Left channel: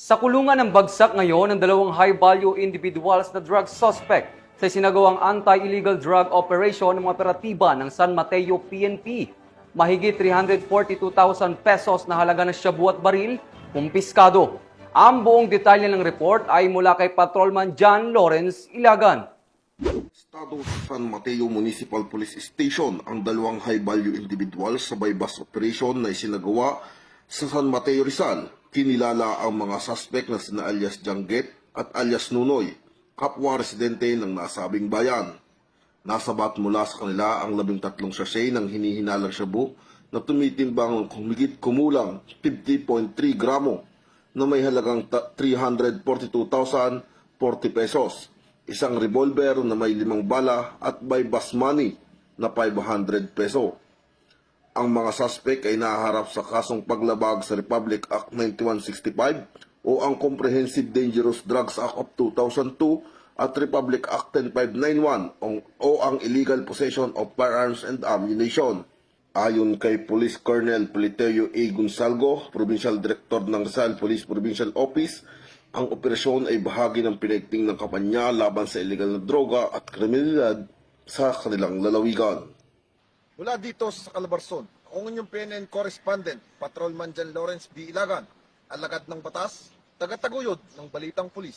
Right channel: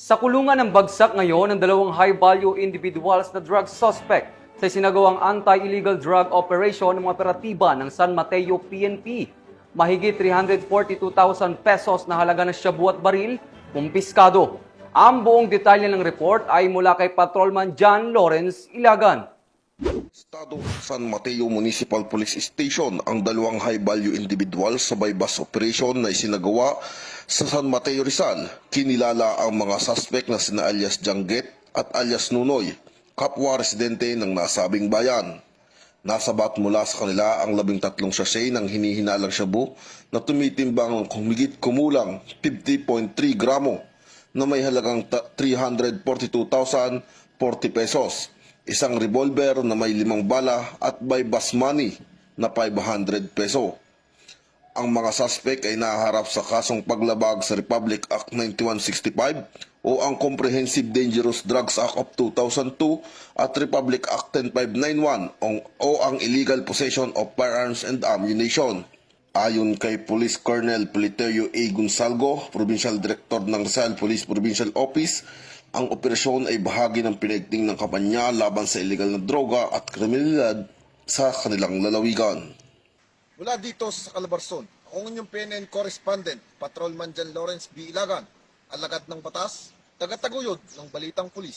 Sa kulungan ng bagsak ngayon ng dalawang high-value individuals na drug suspect sa sinagawang anti-illegal drug operation ng mga operatiba ng San Mateo PNP. Mahigit 342,000 pesos na halaga ng shabu at baril, kumpiskado. Ang buong detalye ng report ay mula kay Patrolman John Lawrence Ilagan. Estado San Mateo Municipal Police Station ang dalawang high-value individuals sa bypass operation na isinagawa sa San Mateo Rizal. Kinilala ang mga suspect na sina alias Jangget at alias Nunoy, kapwa residente ng nasabing bayan. Nasabat mula sa kanila ang 13 sachet ng hinihinalang shabu na tumitimbang humigit kumulang 50.3 gramo na may halagang 342,040 pesos. Isang revolver na may 5 bala at bypass money na 500 peso. Ang mga suspect ay nahaharap sa kasong paglabag sa Republic Act 9165 o ang Comprehensive Dangerous Drugs Act of 2002 at Republic Act 10591 o ang Illegal Possession of Firearms and Ammunition. Ayon kay Police Colonel Politeo A. Gonzalgo, Provincial Director ng Rizal Police Provincial Office, ang operasyon ay bahagi ng pinaigting ng kampanya laban sa illegal na droga at kriminalidad sa kanilang lalawigan. Mula dito sa Calabarzon, ang inyong PNN correspondent, Patrolman John Lawrence B. Ilagan, alagad ng batas, tagataguyod ng Balitang Pulis.